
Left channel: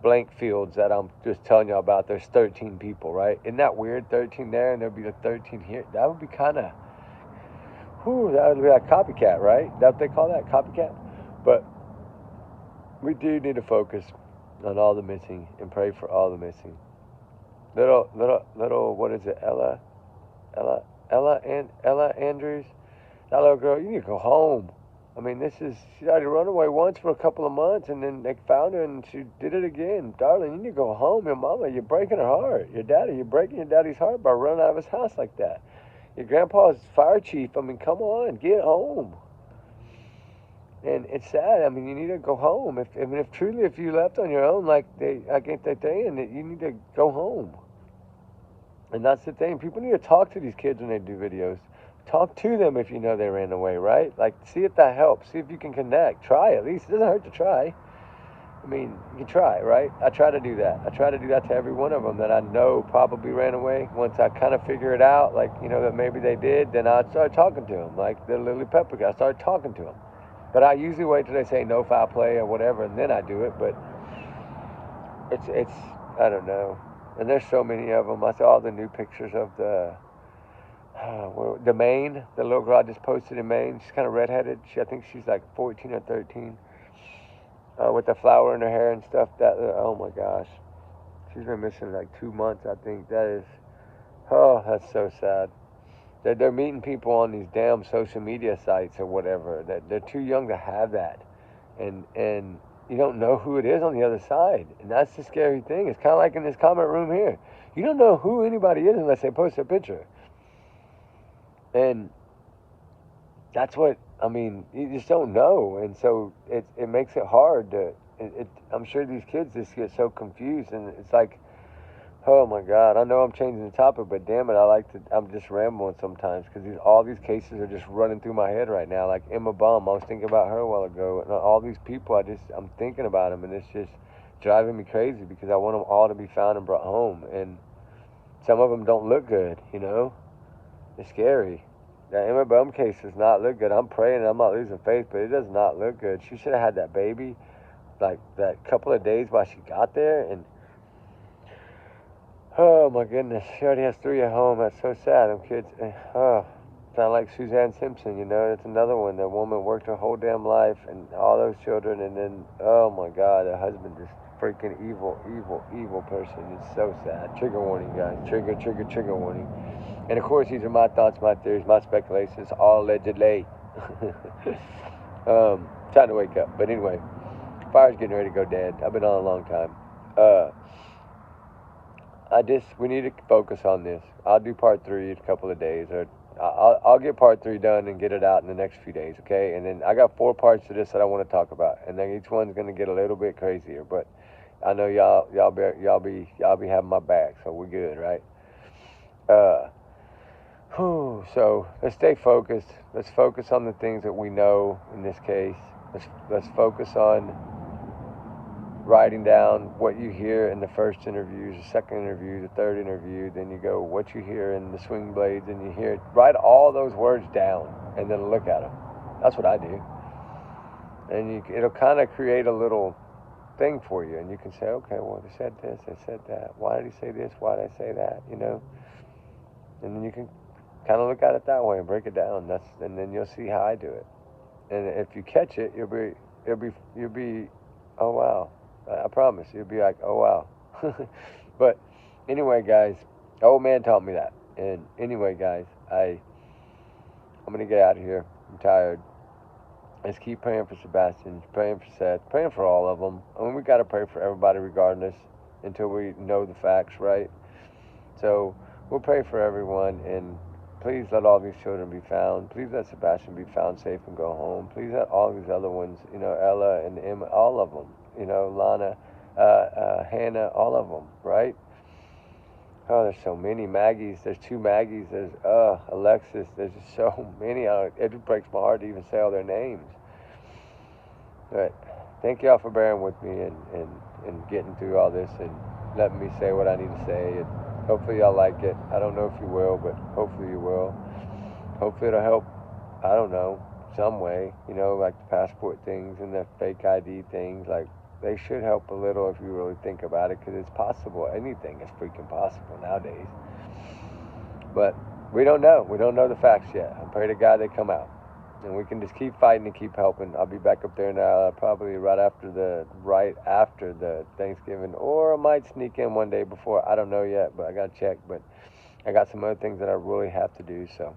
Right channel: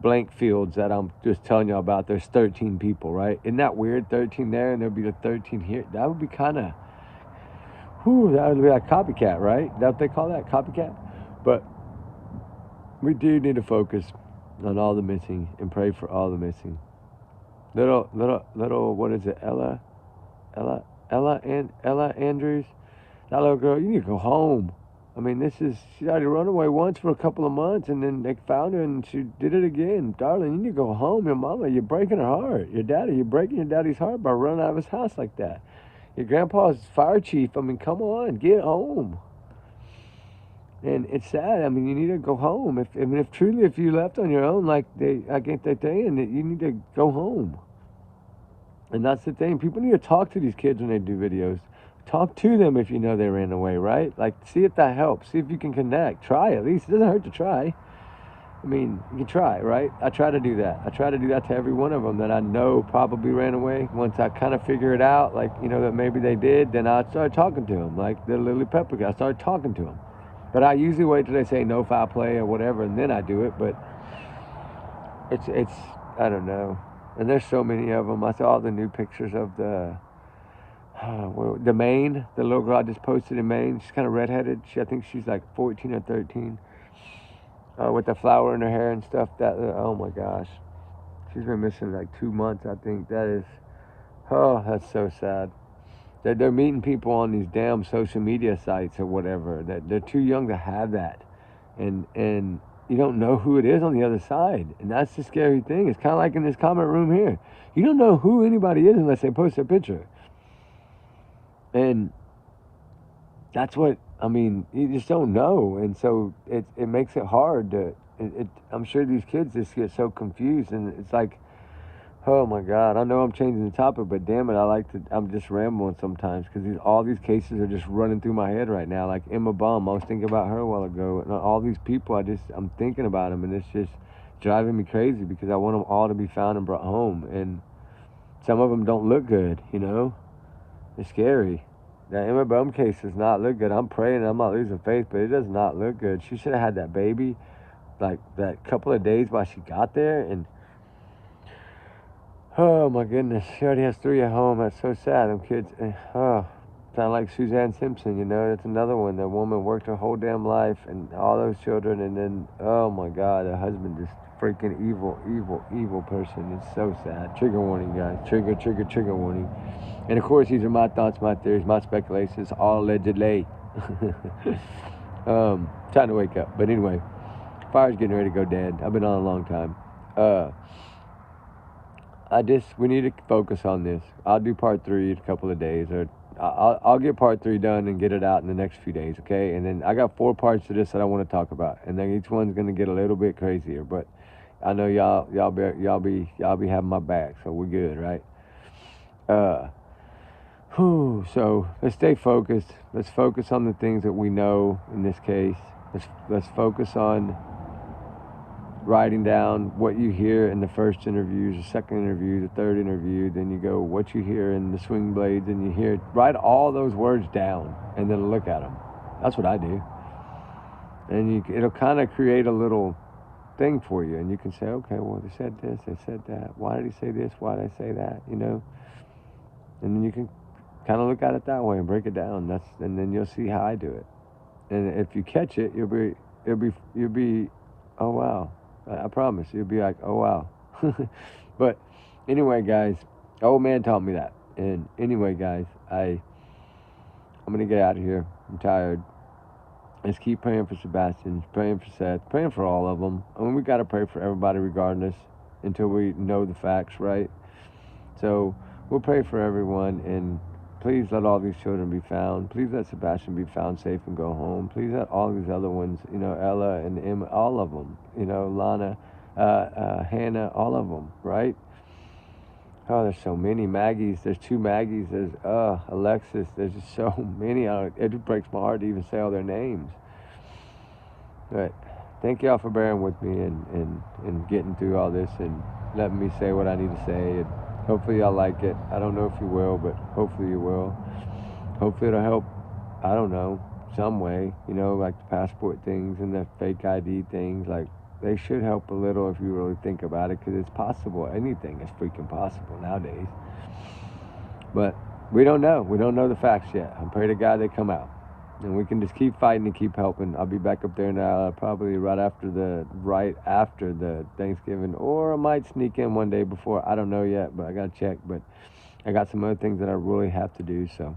blank fields that I'm just telling you about. There's 13 people, right? Isn't that weird? 13 there, and there'll be a 13 here. That would be kind of. That would be like copycat, right? Is that what they call that, copycat? But we do need to focus on all the missing and pray for all the missing. Little, what is it? Ella Andrews. That little girl, you need to go home. I mean, she's already run away once for a couple of months, and then they found her, and she did it again. Darling, you need to go home. Your mama, you're breaking her heart. You're breaking your daddy's heart by running out of his house like that. Your grandpa's fire chief. I mean, come on, get home. And it's sad. I mean, you need to go home. If truly, if you left on your own, like I get that saying, that you need to go home. And that's the thing. People need to talk to these kids when they do videos. Talk to them if you know they ran away, right? Like, see if that helps. See if you can connect. Try at least. It doesn't hurt to try. I mean, you can try, right? I try to do that. I try to do that to every one of them that I know probably ran away. Once I kind of figure it out, like, that maybe they did, then I start talking to them. Like the Lily Pepper guy, I start talking to them. But I usually wait till they say no foul play or whatever, and then I do it. But it's I don't know. And there's so many of them. I saw all the new pictures of the Maine, the little girl I just posted in Maine. She's kind of redheaded. I think she's like 14 or 13. With the flower in her hair and stuff. Oh my gosh, she's been missing like 2 months. I think that's so sad. They're meeting people on these damn social media sites or whatever. They're too young to have that, and you don't know who it is on the other side, and that's the scary thing. It's kind of like in this comment room here. You don't know who anybody is unless they post a picture, and that's what I mean. You just don't know, and so it makes it hard to. I'm sure these kids just get so confused, and it's like, oh my God! I know I'm changing the topic, but damn it, I'm just rambling sometimes because all these cases are just running through my head right now. Like Emma Bum, I was thinking about her a while ago, and all these people, I'm thinking about them, and it's just driving me crazy because I want them all to be found and brought home, and some of them don't look good. It's scary. That Emma Bum case does not look good. I'm praying, I'm not losing faith, but it does not look good. She should have had that baby, like that couple of days while she got there, and oh my goodness, she already has 3 at home. That's so sad. Them kids, sound like Suzanne Simpson. That's another one. That woman worked her whole damn life, and all those children, and then oh my God, the husband just freaking evil person. It's so sad. Trigger warning, guys. Trigger warning. And of course, these are my thoughts, my theories, my speculations, all allegedly. Time to wake up. But anyway, fire's getting ready to go dead. I've been on a long time. We need to focus on this. I'll do part 3 in a couple of days, or I'll get part 3 done and get it out in the next few days, okay? And then I got 4 parts to this that I want to talk about, and then each one's gonna get a little bit crazier. But I know y'all be having my back, so we're good, right? So let's stay focused. Let's focus on the things that we know in this case. Let's focus on writing down what you hear in the first interviews, the second interview, the third interview. Then you go what you hear in the swing blades, and you hear. Write all those words down, and then look at them. That's what I do. And it'll kind of create a little thing for you, and you can say, okay, well, they said this, they said that. Why did he say this? Why did I say that? And then you can kind of look at it that way and break it down. And then you'll see how I do it. And if you catch it, you'll be, oh wow. I promise you'll be like, oh wow. But anyway, guys, old man taught me that. And anyway, guys, I'm gonna get out of here. I'm tired. Let's keep praying for Sebastian, praying for Seth, praying for all of them. I mean, we gotta pray for everybody regardless until we know the facts, right? So we'll pray for everyone, and please let all these children be found. Please let Sebastian be found safe and go home. Please let all these other ones, Ella and Emma, all of them, Lana, Hannah, all of them, right? Oh, there's so many Maggies. There's 2 Maggies. There's Alexis. There's just so many. It just breaks my heart to even say all their names. But thank y'all for bearing with me and getting through all this and letting me say what I need to say. And hopefully y'all like it. I don't know if you will, but hopefully you will. Hopefully it'll help, I don't know, some way, like the passport things and the fake ID things. Like, they should help a little if you really think about it, because it's possible. Anything is freaking possible nowadays. But we don't know. We don't know the facts yet. I pray to God they come out. And we can just keep fighting and keep helping. I'll be back up there now, probably right after the Thanksgiving, or I might sneak in one day before. I don't know yet, but I gotta check. But I got some other things that I really have to do. So,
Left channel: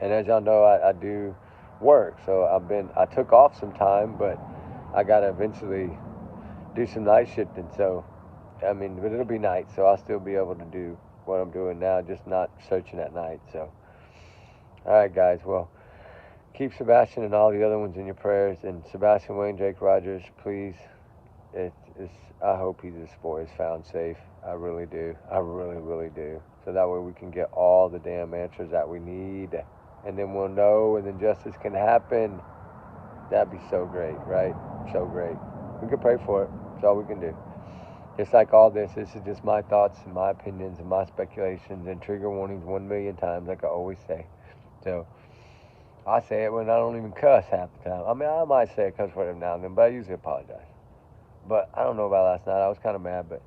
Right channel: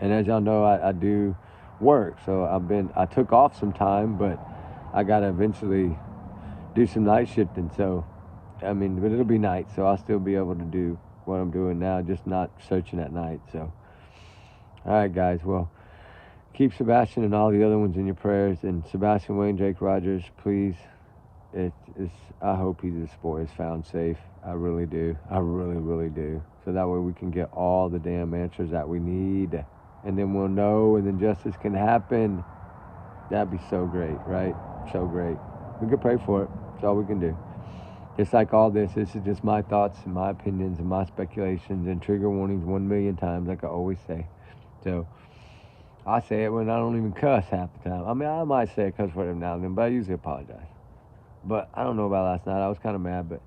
and as y'all know, I do work. So I took off some time, but I gotta eventually do some night shifting. So, I mean, but it'll be night, so I'll still be able to do what I'm doing now, just not searching at night. So, all right, guys. Well, keep Sebastian and all the other ones in your prayers. And Sebastian, Wayne, Jake Rogers, please. I hope this boy is found safe. I really do. I really, really do. So that way we can get all the damn answers that we need. And then we'll know, and then justice can happen. That'd be so great, right? So great. We can pray for it. That's all we can do. Just like all this is just my thoughts and my opinions and my speculations and trigger warnings 1,000,000 times, like I always say. So I say it when I don't even cuss half the time. I mean, I might say a cuss word every now and then, but I usually apologize. But I don't know about last night. I was kind of mad, but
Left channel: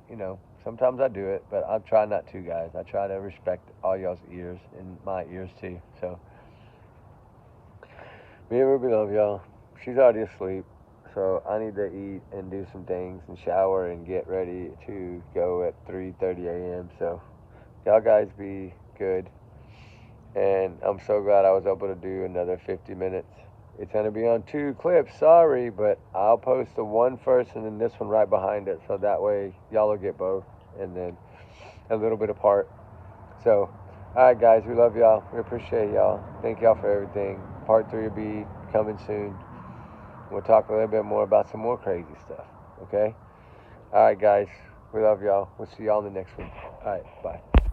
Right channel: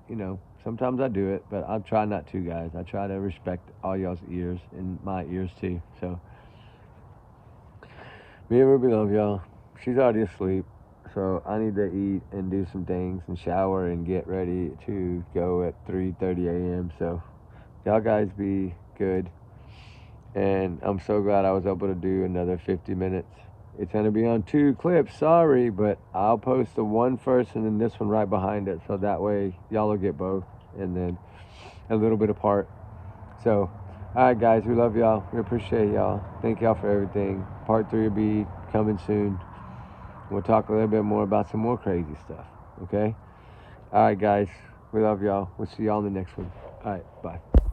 sometimes I do it. But I try not to, guys. I try to respect all y'all's ears and my ears too. So me and Ruby love y'all. She's already asleep, so I need to eat and do some things and shower and get ready to go at 3:30 a.m. So y'all guys be good. And I'm so glad I was able to do another 50 minutes. It's going to be on 2 clips, sorry, but I'll post the one first and then this one right behind it, so that way y'all will get both, and then a little bit apart. So, alright guys, we love y'all. We appreciate y'all. Thank y'all for everything. Part 3 will be coming soon. We'll talk a little bit more about some more crazy stuff, okay? Alright guys, we love y'all. We'll see y'all in the next one. Alright, bye.